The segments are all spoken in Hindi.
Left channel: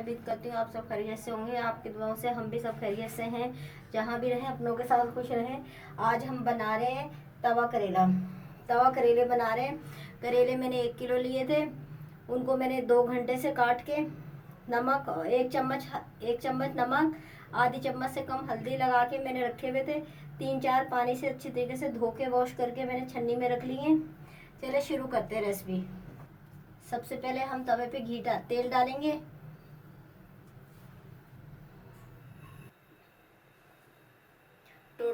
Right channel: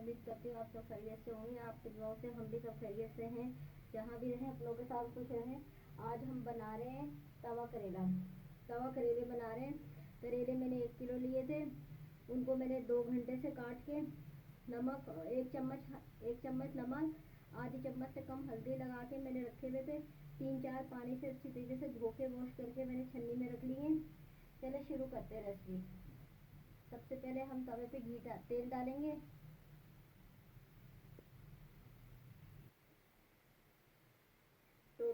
उम्मीद करती हूँ आप सब खैरियत से होंगे। आपकी दुआओं से हम भी सब खैरियत से हैं। जहाँ भी रहें अपनों के साथ खुश रहें। आज हम बना रहे हैं तवा करेला। तवा करेले बना रहे हैं। करेले मैंने 1 किलो लिए थे। उनको मैंने 2 घंटे से काट के नमक 1 चम्मच नमक, आधी चम्मच से कम हल्दी लगा के मैंने रखे हुए थे। 3-4 पानी से अच्छी तरीके से धो के वॉश करके मैंने छन्नी में रख लिए। चलिए शुरू करते हैं रेसिपी। सबसे पहले हम तवे पे तेल डालेंगे। तो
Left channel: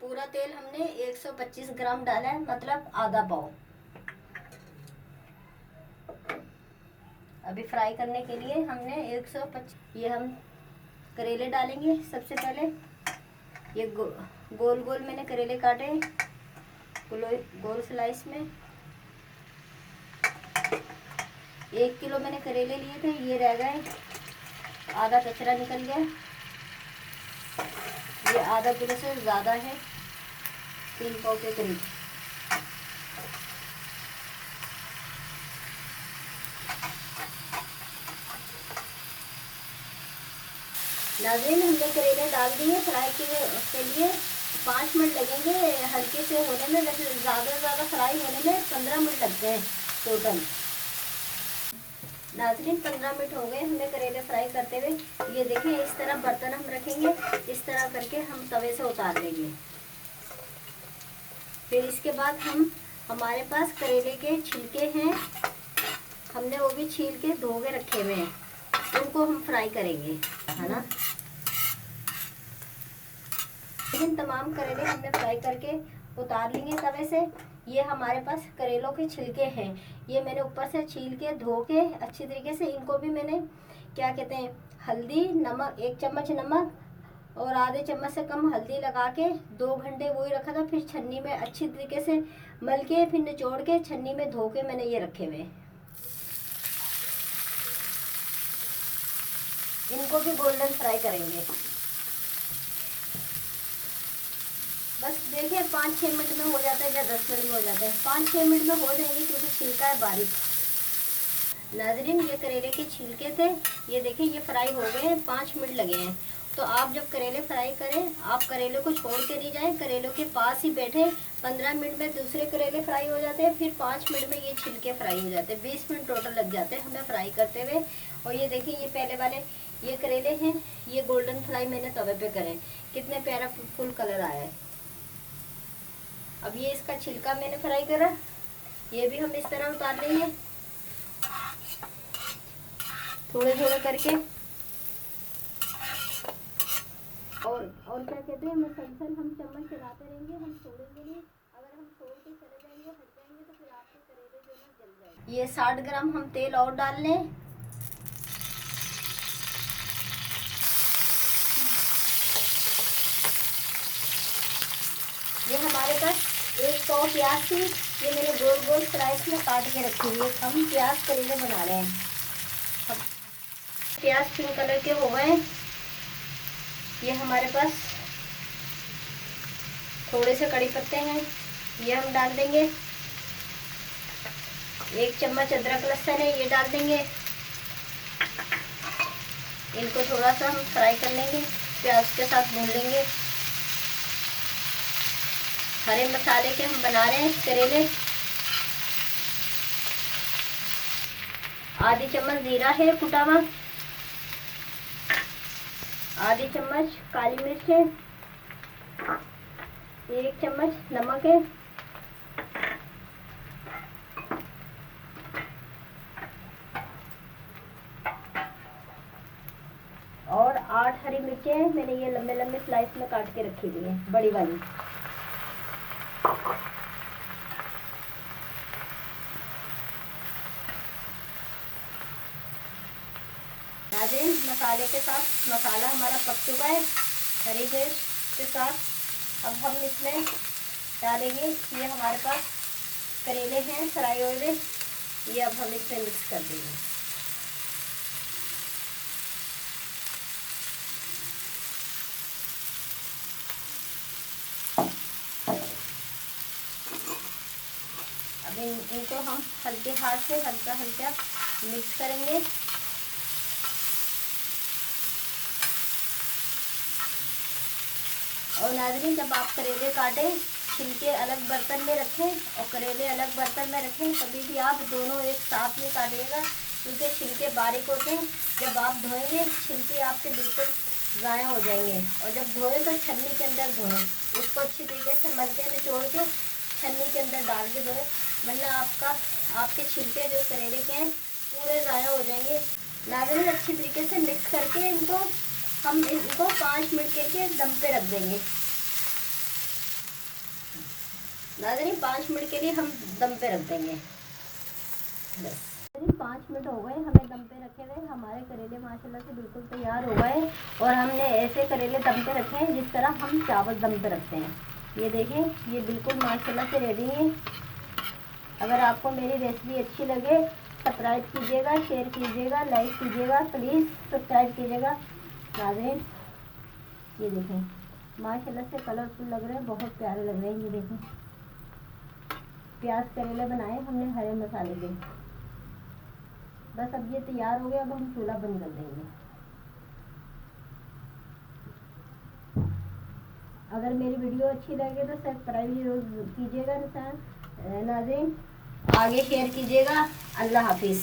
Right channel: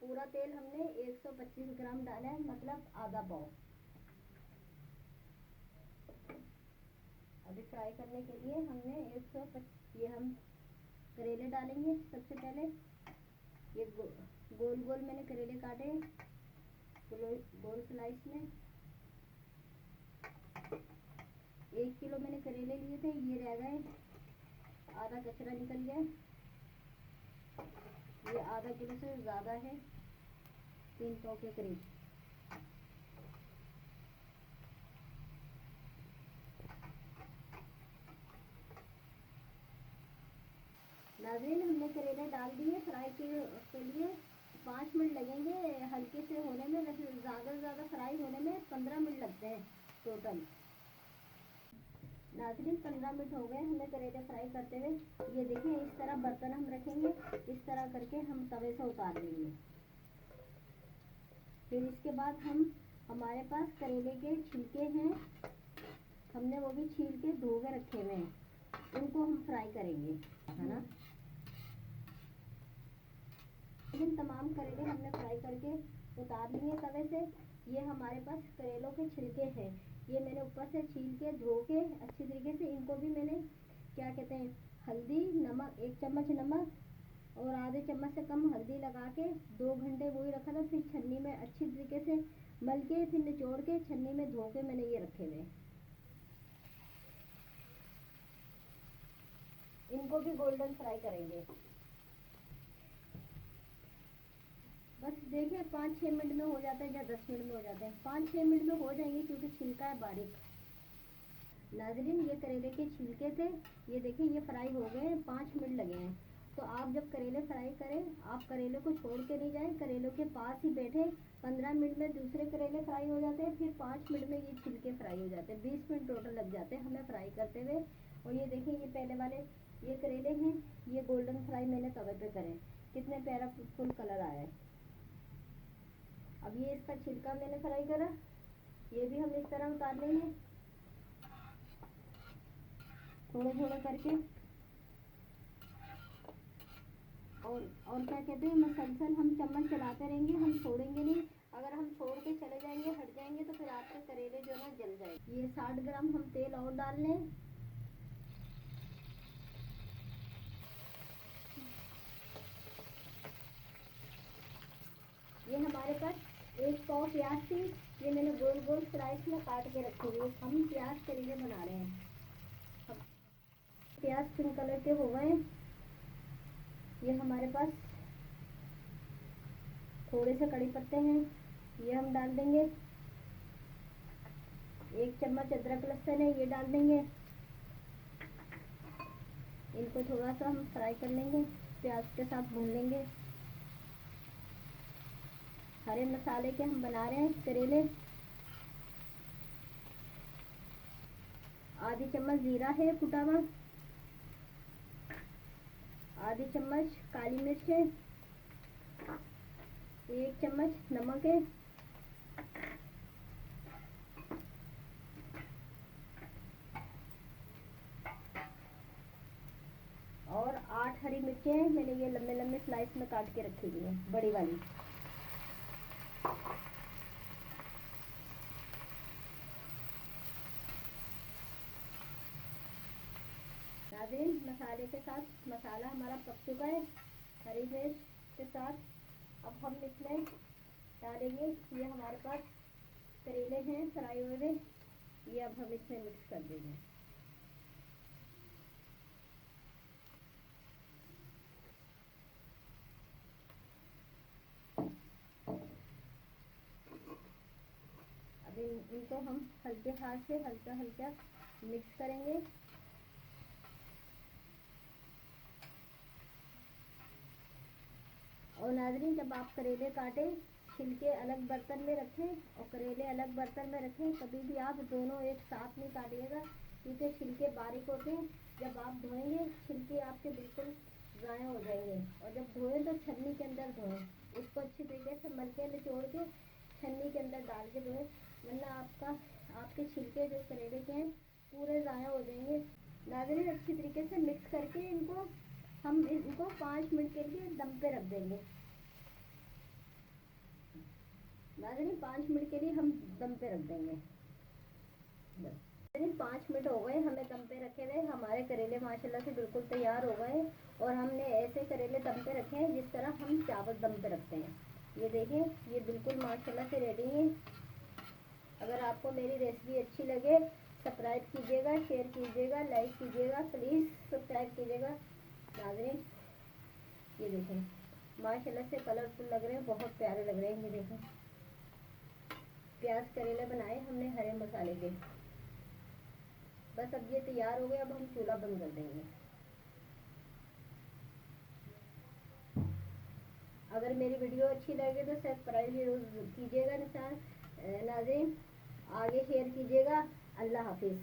पूरा तेल हमने 125 ग्राम डाला है, मतलब आधा पाव। अभी फ्राई करने के लिए हमने 125 ये हम करेले डालेंगे। सबसे पहले ये गोल गोल मैंने करेले काटे, गोल स्लाइस में। 1 किलो मैंने करेले लिए थे, ये रह गए, आधा कचरा निकल गया। ये आधा किलो से ज़्यादा है, 3 पाव के करीब। नाज़रीन, हमने करेले डाल दिए फ्राई के लिए। 5 मिनट लगेंगे हल्के से होने में। वैसे ज़्यादा फ्राई होने में 15 मिनट लगते हैं टोटल। नाज़रीन, 15 मिनट हो गए हमें करेले फ्राई करते हुए। ये देखें, इस तरह बर्तन हम रखेंगे, इस तरह करके हम तवे से उतार लेंगे। फिर इसके बाद हमारे पास करेले के छिलके हैं, हमने वो भी छील के धो के रखे हुए हैं। उनको हम फ्राई करेंगे, है ना। इन तमाम करेले हमने फ्राई करके उतार लिए तवे से। ये हमारे पास करेलों के छिलके हैं। ये मैंने ऊपर से छील के धो के अच्छी तरीके से, इनको भी मैंने क्या कहते हैं, हल्दी नमक, 1 चम्मच नमक और आधे चम्मच से कम हल्दी लगा के 2 घंटे वही रखा था। फिर छन्नी में अच्छी तरीके से मल के, फिर निचोड़ के छन्नी में धो के मैंने ये रखे हुए। इनको भी गोल्डन फ्राई करेंगे। बस देखिए 5-6 मिनट में हो जाता है या 10 मिनट में हो जाता है। 5-6 मिनट में हो जाएंगे क्योंकि छिलका है बारीक। नाज़रीन, ये करेले के छिलके थे, ये देखिए ये फ्राई हो गए हैं। 5 मिनट लगे हैं। तो आप जब करेले फ्राई करें, आप करेले को छोड़ के नहीं जाएं, करेलों के पास ही बैठे। 15 मिनट में दूसरे करेले फ्राई हो जाते हैं, फिर 5 मिनट में ये छिलके फ्राई हो जाते हैं। 20 मिनट टोटल लग जाते हैं हमें फ्राई करते हुए। और ये देखिए, ये पहले वाले ये करेले हैं, ये गोल्डन फ्राई मैंने तवे पे करे। कितने प्यारा फुल कलर आया है। अब ये इसका छिलका मैंने फ्राई करा, ये भी हम इस तरह उतार लेंगे थोड़े थोड़े करके। और क्या कहते हैं, मसलसल हम चम्मच चलाते रहेंगे, हम छोड़ेंगे नहीं। अगर हम छोड़ के चले जाएंगे, हट जाएंगे, तो फिर आपके करेले जो है जल जाएंगे। ये 60 ग्राम हम तेल और डाल लें। ये हमारे पास 1 पाव प्याज थी, ये मैंने गोल गोल स्लाइस में काट के रखी हुई है। हम प्याज करेले बना रहे हैं। अब प्याज पिंक कलर के हो गए। ये हमारे पास थोड़े से कड़ी पत्ते हैं, ये हम डाल देंगे। 1 चम्मच अदरक लहसुन है, ये डाल देंगे। इनको थोड़ा सा हम फ्राई कर लेंगे, प्याज के साथ भून लेंगे। हरे मसाले के हम बना रहे हैं करेले। आधी चम्मच जीरा है कुटा हुआ, आधी चम्मच काली मिर्च है, 1 चम्मच नमक है, और 8 हरी मिर्चें मैंने ये लंबे लंबे स्लाइस में काट के रखी हुई है, बड़ी वाली। नाज़रीन, मसाले के साथ मसाला हमारा पक चुका है हरी मिर्च के साथ। अब हम इसमें डालेंगे, ये हमारे पास करेले हैं फ्राई हुए, ये अब हम इसमें मिक्स कर देंगे। अब इनको हम हल्के हाथ से हल्का हल्का मिक्स करेंगे। और नाज़रीन, जब आप करेले काटें, छिलके अलग बर्तन में रखें और करेले अलग बर्तन में रखें। कभी भी आप दोनों एक साथ में काटिएगा, क्योंकि छिलके बारीक होते हैं। जब आप धोएंगे, छिलके आपके बिल्कुल ज़ाया हो जाएंगे। और जब धोएं तो छन्नी के अंदर धोएं, उसको अच्छी तरीके से मल के निचोड़ के छन्नी के अंदर डाल के धोएं, वरना आपके छिलके जो करेले के हैं पूरे ज़ाया हो जाएंगे। नाज़रीन, अच्छी तरीके से मिक्स करके हम इनको 5 मिनट के लिए दम पे रख देंगे। नाज़रीन, 5 मिनट के लिए हम दम पे रख देंगे। बस 5 मिनट हो गए हमें दम पे रखे हुए। हमारे करेले माशाल्लाह से बिल्कुल तैयार हो गए। और हमने ऐसे करेले दम पे रखे हैं जिस तरह हम चावल दम पे रखते हैं। ये देखें, ये बिल्कुल माशाल्लाह से रेडी है। अगर आपको मेरी रेसिपी अच्छी लगे, सब्सक्राइब कीजिएगा, शेयर कीजिएगा, लाइक कीजिएगा, प्लीज़ सब्सक्राइब कीजिएगा। नाज़रीन, ये देखें माशाल्लाह से कलरफुल लग रहे हैं, बहुत प्यारे लग रहे हैं। ये देखें, प्याज करेले बनाए हमने हरे मसाले के। बस अब ये तैयार हो गया। अब हम चूल्हा बंद कर देंगे। अगर मेरी वीडियो अच्छी लगे तो सब्सक्राइब जरूर कीजिएगा। नाज़रीन, आगे शेयर कीजिएगा। अल्लाह हाफिज़।